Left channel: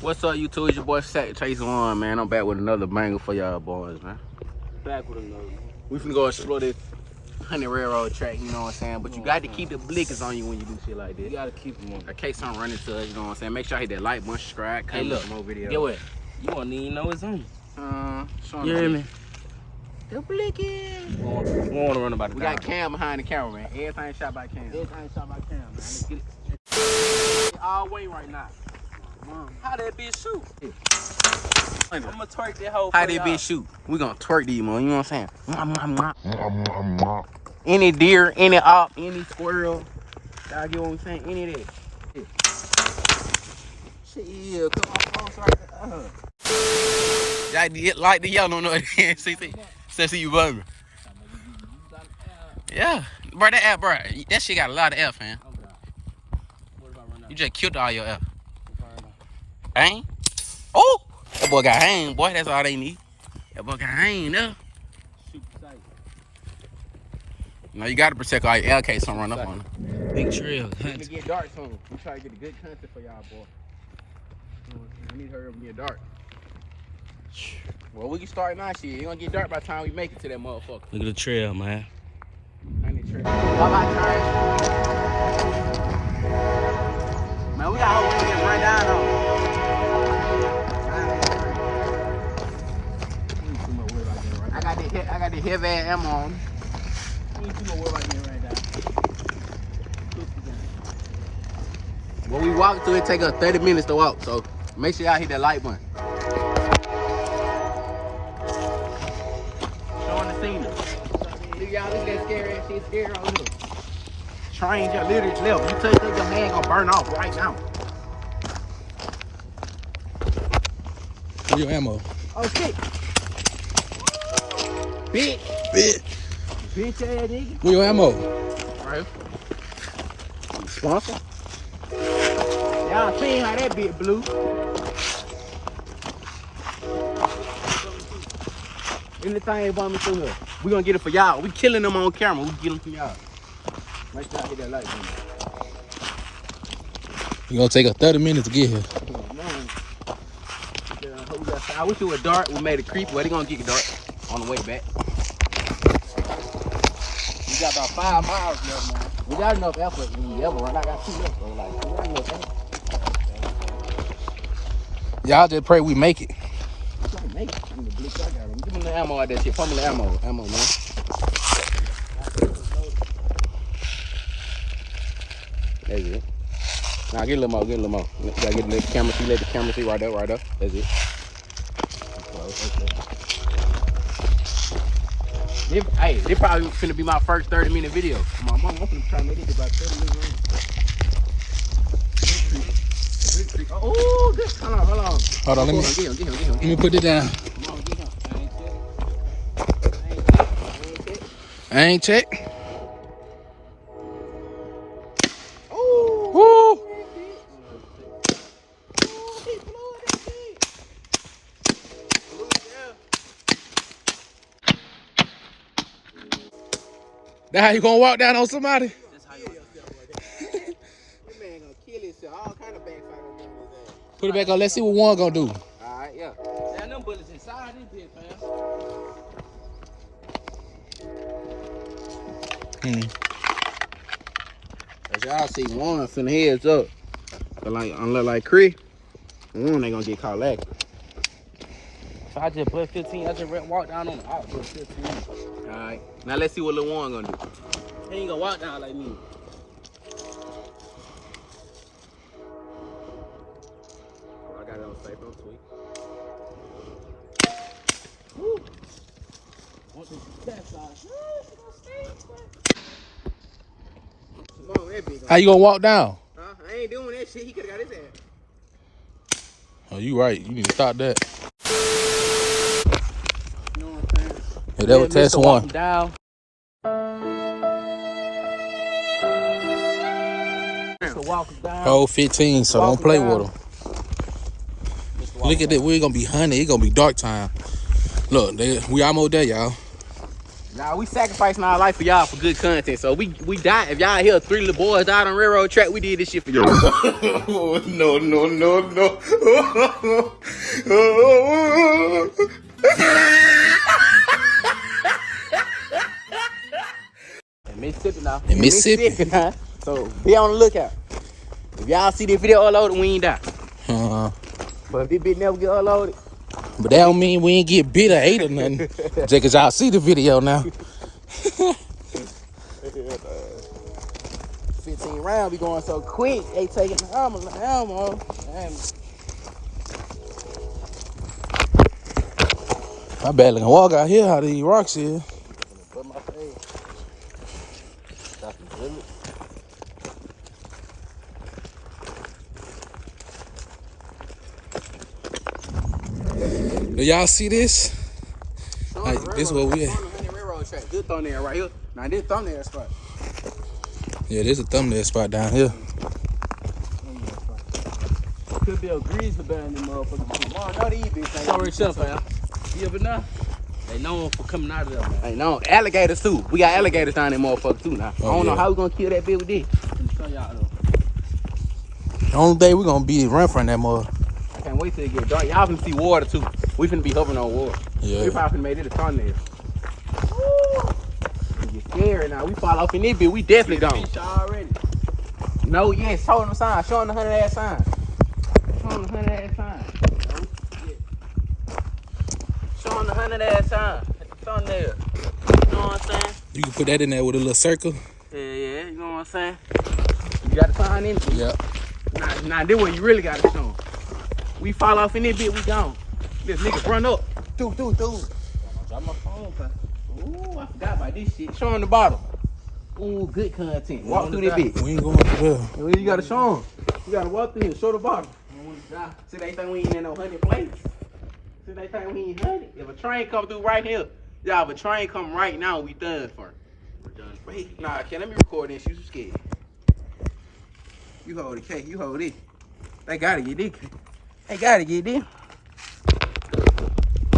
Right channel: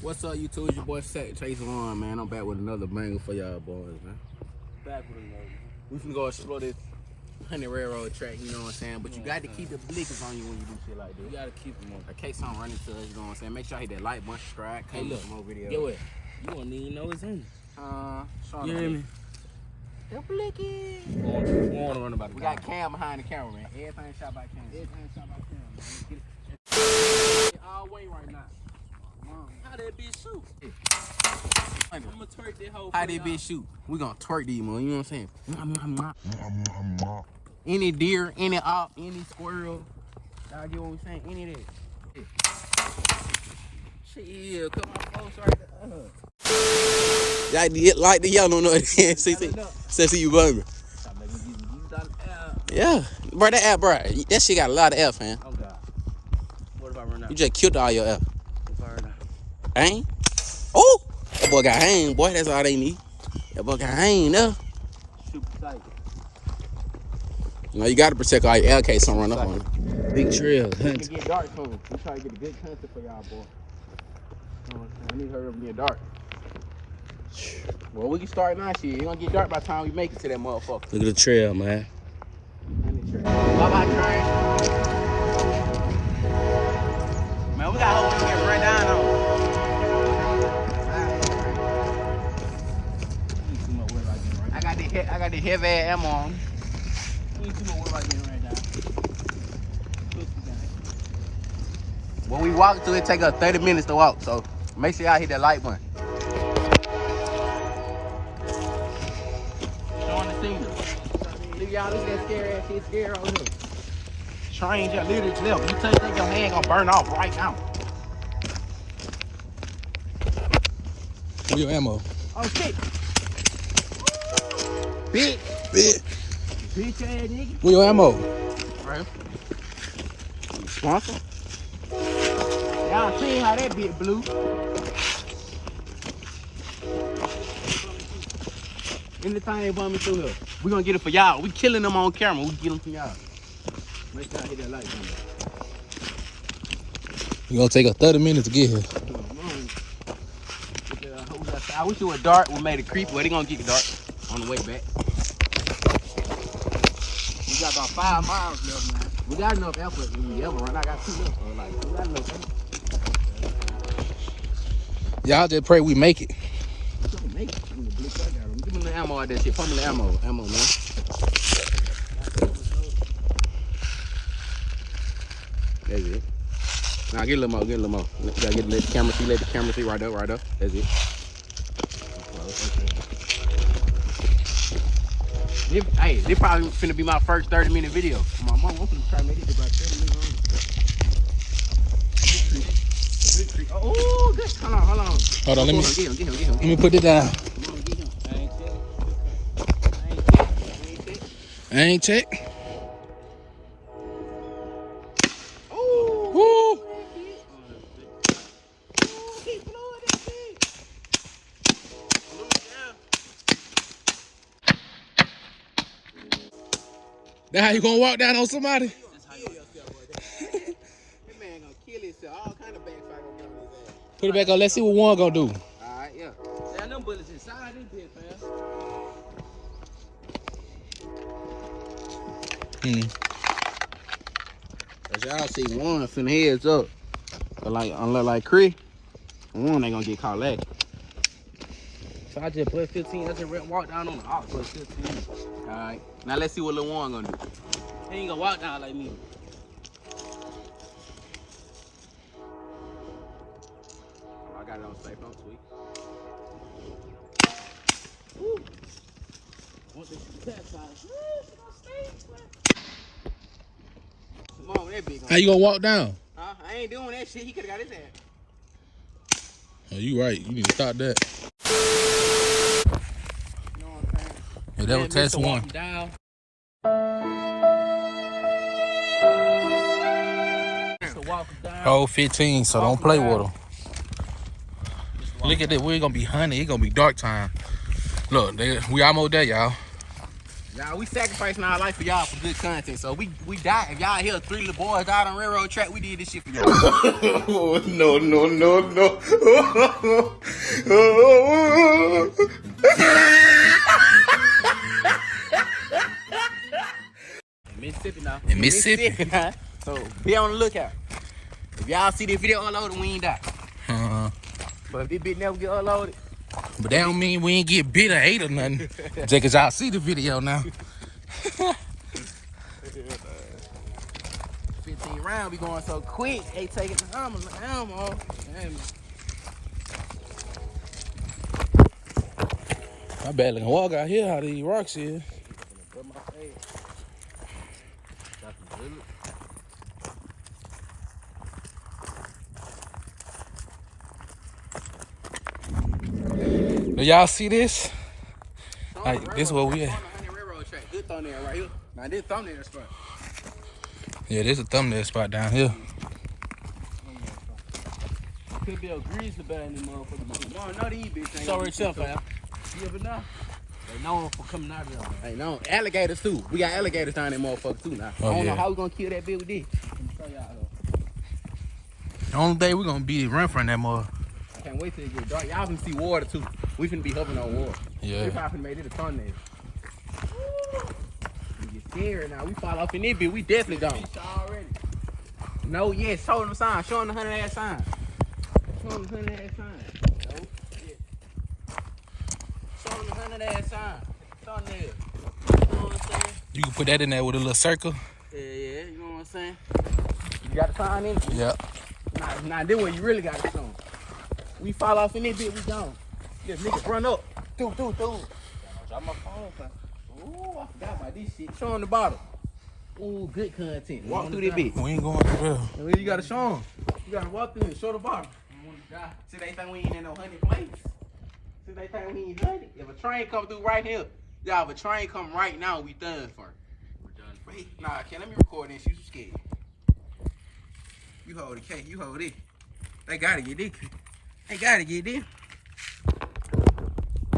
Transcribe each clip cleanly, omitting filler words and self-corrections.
What's up, YouTube? It's your boy Sack Chase One, man. I'm back with another banger for y'all boys, man. Back with another. We finna go explore this Honey Railroad track, you know what I'm saying? But you got to keep the blickers on you when you do shit like this. You gotta keep them on. In case something running to us, you know what I'm saying? Make sure I hit that like button, subscribe, Hey, comment look, some more videos. get what? You won't even know it's on. You hear me? The blickers. We want to run about it. We got Cam behind the camera, man. Everything shot by Cam. Everything shot by Cam, man. Let's get it. All way right now. How that bitch shoot? Yeah. I'm gonna twerk that whole. How that bitch shoot? We gonna twerk these, man. You know what I'm saying? Any deer, any op, any squirrel. Y'all get what I'm saying? Any of that. Yeah, come on, sorry. Y'all like the yellow no see you bumming. Yeah. Bro, that app, bro. That shit got a lot of F, man. Oh, God. What if I run out? You just killed all your F. If I run out? Ain't? Oh! That boy got hang, boy. That's all they need. That boy got hang, though. Super tight. You know, you got to protect all your LK, some run up on you. Big trails. We can get dark soon. We try to get a good content for y'all, boy. You know what I'm saying? I need to hurry up and get dark. Well, we can start now, shit. It's gonna get dark by the time we make it to that motherfucker. Look at the trail, man. Bye-bye, train. Man, we got hope we can get right down, though. I got the heavy ass ammo on. We ain't too much worry about getting right down. When we walk through, it take us 30 minutes to walk, so make sure y'all hit that like button. Showing the scenery. Look, y'all, look at that scary ass shit, scary on here. Train just literally left. You think your hand gonna burn off right now. Where your ammo? Oh, shit. Bitch. Bitch ass nigga. Where your ammo? Right. Sponsor. Y'all seen how that bitch blew. Anything about me through here. We gonna get it for y'all. We killing them on camera. We get them for y'all. Make sure I hit that like button. You gonna take us 30 minutes to get here. I wish it was dark. We made it creepy. Well, they gonna get it dark on the way back. We got about 5 miles left, man. We got enough effort when we ever run. I got 2 left, so like, we got enough effort. Y'all just pray we make it. We trying to make it. I'm the blue I got them. Give me the ammo out that shit. Put me the ammo, man. That's it. Now get a little more, get a little more. You gotta let the camera see, right there. That's it. Hey, this probably finna be my first 30-minute video. My mom, I'm finna try to make it about 30 minutes. Oh, good. Hold on. Hold on, let me Get him. let me put it down. Come on, get him. I ain't check. Oh, Woo! That how you gonna walk down on somebody? That's how you kill yourself right there. This man gonna kill himself. All kind of backside gonna get on his ass. Put it back on. Let's see what one gonna do. Alright, yeah. Damn, them bullets inside this bitch, man. As y'all see, one finna heads up. But like, unless like Chris, one ain't gonna get caught lacking. So I just put 15. I just walk down on the house. Put 15. Alright. Now let's see what Lil Warren gonna do. He ain't gonna walk down like me. Oh, I got it on safe, I'm sweet. Woo. Want the cat size. Come on, that big. How you gonna walk down? Huh? I ain't doing that shit. He could've got his ass. Oh, you right. You need to stop that. You know what I'm saying? Yeah, that was test one. Down. Hold 15, so don't play with them. Look at that. We ain't gonna be hunting. It's gonna be dark time. Look, we almost there, y'all. Nah, we sacrificing our life for y'all for good content. So we died. If y'all hear 3 little boys died on railroad track, we did this shit for y'all. No, no, no, no. In Mississippi now. In Mississippi. Now. So be on the lookout. If y'all see this video uploaded, we ain't die. But if this bitch never get uploaded. But that don't mean we ain't get bit or ate or nothing. Just cause y'all see the video now. 15 rounds, we going so quick. They taking the hammer. I barely can walk out here how these rocks is. Put my face. Do y'all see this? Like, this is where we at. This thumbnail right here. Now this thumbnail spot. Yeah, this is a thumbnail spot down here. Could be a grease about in the motherfucker. Not these bitches. Sorry, yourself, man. You ever know? They known for coming out of there, man. Hey, no, alligators too. We got alligators down there, motherfucker too now. I don't know how we gonna kill that bitch with this. Let me show y'all though. The only thing we gonna be is run from that mother. I can't wait till it get dark. Y'all finna see water too. We finna be hovering on water. Yeah. We probably finna make it a thumbnail. You scared now. We fall off in this bitch. We definitely gone. Already. No, yeah, show them the sign. Show them the 100 ass sign. Show them the 100 ass sign. Show them the 100 ass sign. Thumbnail. You know what I'm saying? You can put that in there with a little circle. Yeah, you know what I'm saying? You got to sign in it. Yeah. Nah, this what you really got to show 'em. We fall off in this bitch, we gone. This nigga run up. Do. Got my phone back. Ooh, I forgot about this shit. Show him the bottle. Ooh, good content. Walk through this bitch. We ain't going through there. Well, you gotta show him. You gotta walk through here. Show the bottle. See, they think we ain't in no 100 plates. See, they think we ain't 100. If a train come through right here, y'all, if a train come right now, we done for. We're done. Wait, nah, let me record this. You scared. You hold the cake. You hold it. They gotta get this. They gotta get this.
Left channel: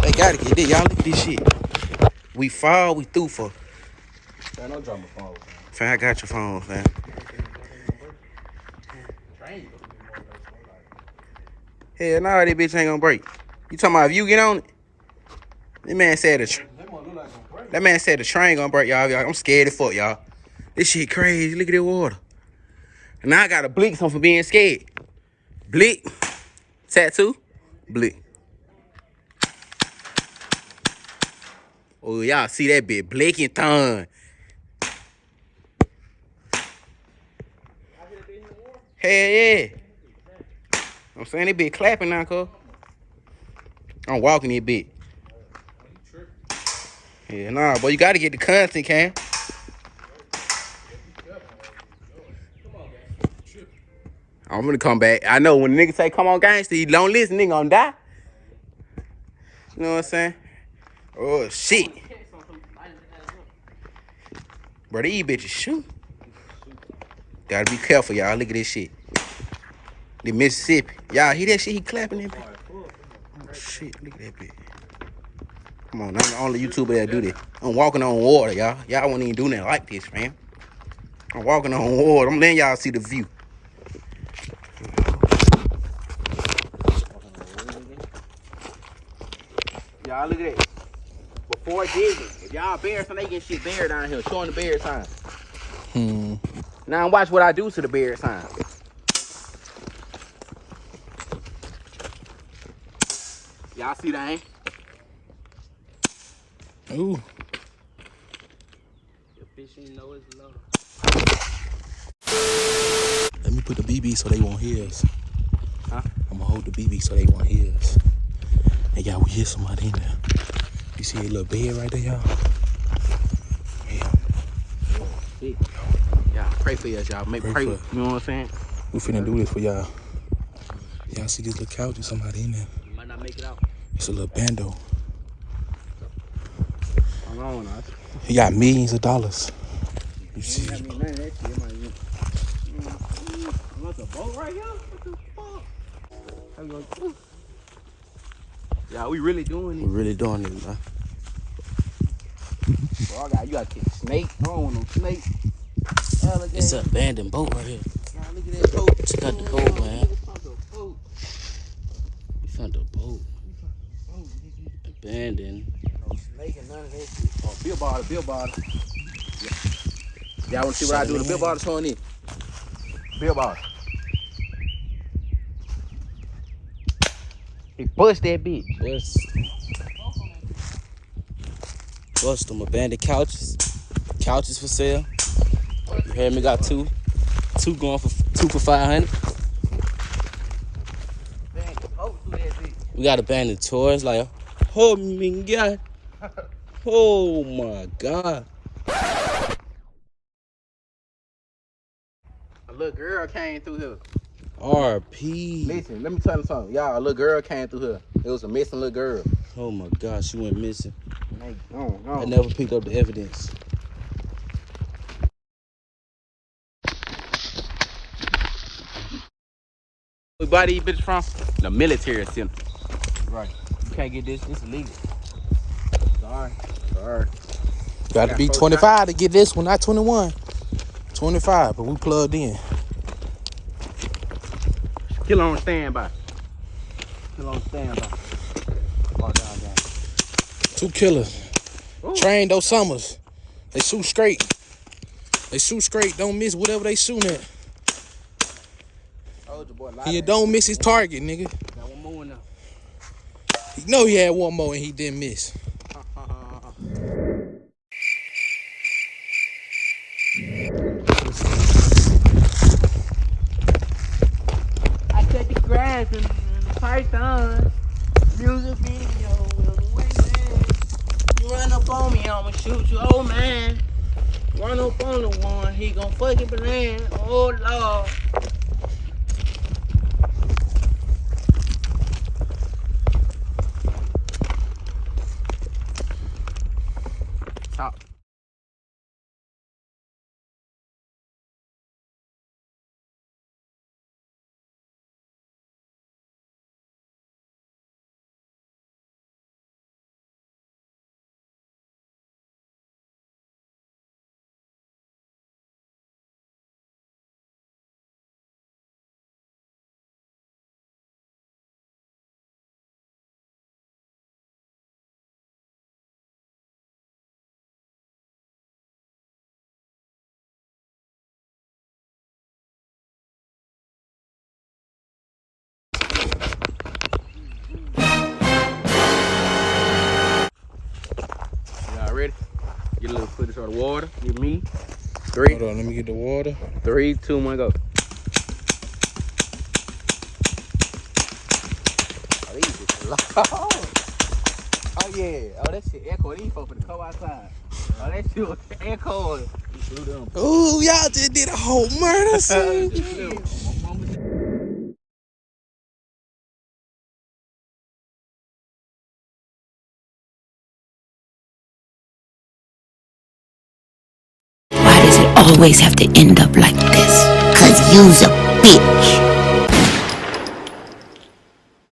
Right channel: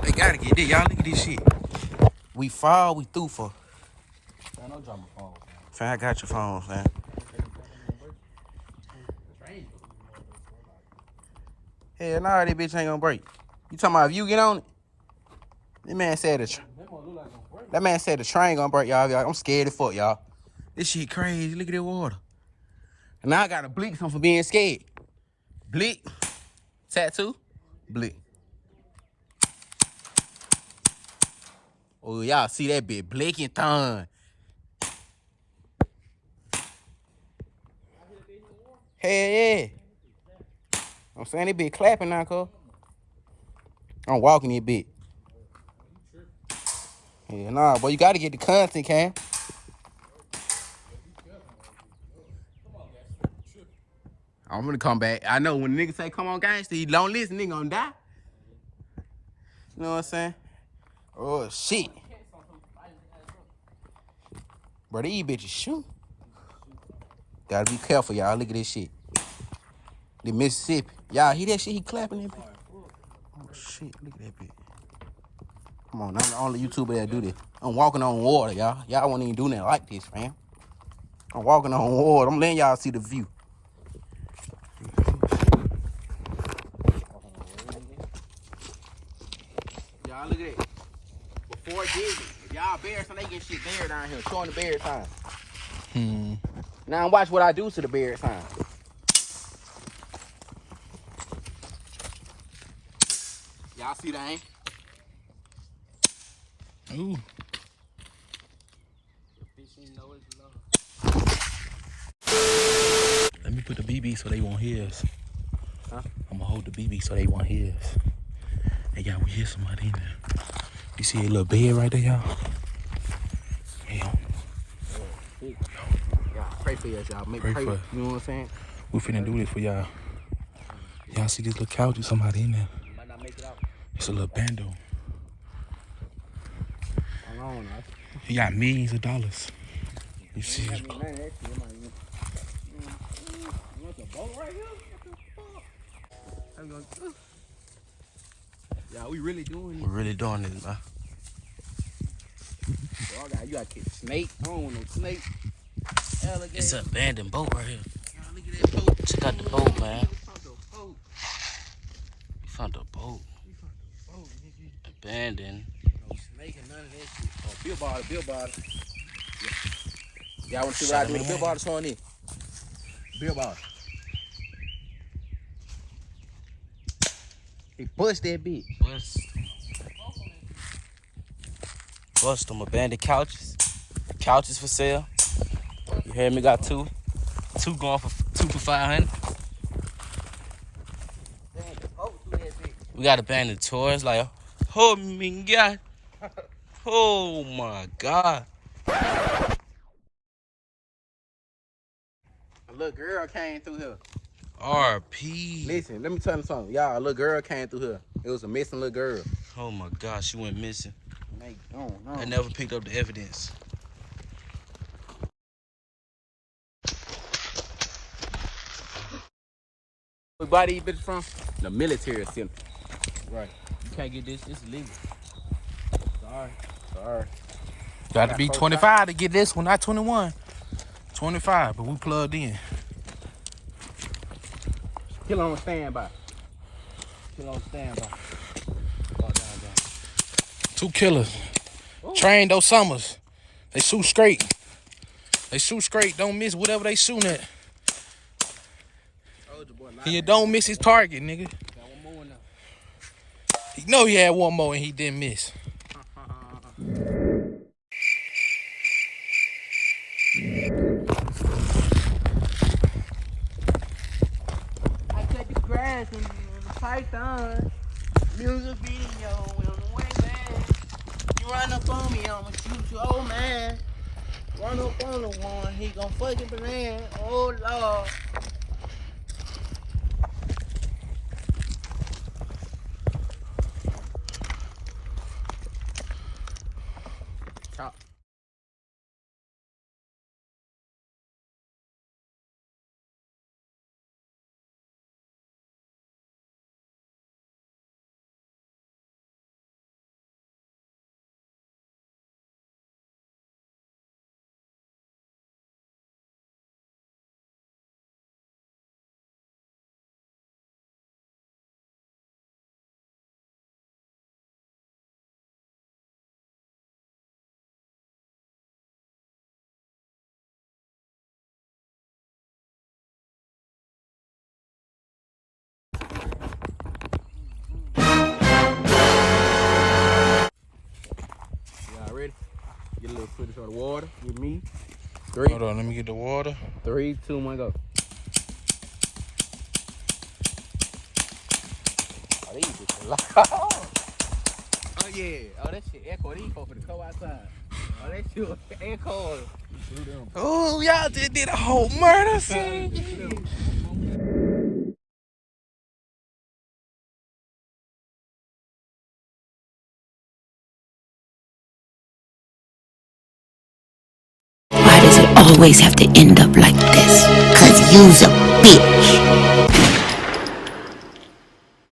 They gotta get this. Y'all look at this shit. We fall, we through for. Man, don't drop my phone, man. Fam, I got your phone, fam. Hell nah, that bitch ain't gonna break. You talking about if you get on it? That man said the train gonna break, y'all. I'm scared as fuck, y'all. This shit crazy. Look at that water. And now I got a blick on for being scared. Blick. Tattoo. Blick. Oh, y'all see that bitch. Blick and thun. Hell yeah. I'm saying they be clapping now, cuz. I'm walking this bitch. Yeah, nah, boy, you gotta get the content, Cam. I'm gonna come back. I know when the nigga say, come on, gangster, you don't listen, nigga gonna die. You know what I'm saying? Oh, shit. Bro, these bitches shoot. Gotta be careful, y'all. Look at this shit. The Mississippi. Y'all hear that shit? He clapping that bitch. Oh, shit. Look at that bitch. Come on, I'm the only YouTuber that do this. I'm walking on water, y'all. Y'all won't even do nothing like this, fam. I'm walking on water. I'm letting y'all see the view. Y'all look at that. Before digging, if y'all bear sign, they get shit bear down here. Showing the bear sign. Now watch what I do to the bear sign. Y'all see that, ain't? Ooh. The fish you know is low. Let me put the BB so they won't hear us. Huh? I'm gonna hold the BB so they won't hear us. Hey, y'all, we hear somebody in there. You see a little bed right there, y'all? Yeah. Y'all pray for us, y'all. Make pray. You know what I'm saying? We finna do this for y'all. Y'all see this little couch with somebody in there? You might not make it out. It's a little bando. Hold on, He got millions of dollars. You see? What's a boat right here? What the fuck? How you gonna do? Yeah, we really doing this. We're really doing this, man. You got to get snake. I don't want no snake. It's an abandoned boat right here. Nah, look at that boat. Check out the boat, man. We found the boat. We found a boat. Oh, nigga. Abandoned. No snake and none of that shit. Oh, bill bottle. Yeah. Y'all want to see what I do with the bill bottle showing in? Bill bottle. He bust that bitch. Bust them abandoned couches. Couches for sale. You hear me? Got two going for 500. We got abandoned toys like, oh my god, oh my god. A little girl came through here. RP. Listen, let me tell you something. Y'all, a little girl came through here. It was a missing little girl. Oh my god, she went missing. No. I never picked up the evidence. We buy these bitches from the military center. Right. You can't get this. This is illegal. Sorry. Got to be 25 to get this one, not 21. 25, but we plugged in. Killer on standby. Oh, down. 2 killers. Trained those summers. They shoot straight. Don't miss whatever they shooting at. Told you, boy. He don't miss his target, nigga. Got one more now. He know he had one more and he didn't miss. I cut the grass and the python. Music video, man. You run up on me, I'ma shoot you, oh man. Run up on the one, he gon' fucking banana, oh lord. Top. Y'all ready? Get a little footage of the water. Get me. 3, Hold on, let me get the water. 3, 2, 1, go. Oh, these bitches loud. Oh yeah. Oh, that shit echo. These folks for the co outside. Oh, that shit was echoing. Ooh, y'all just did a whole murder scene. Why does it always have to end up like this? 'Cause you's a bitch.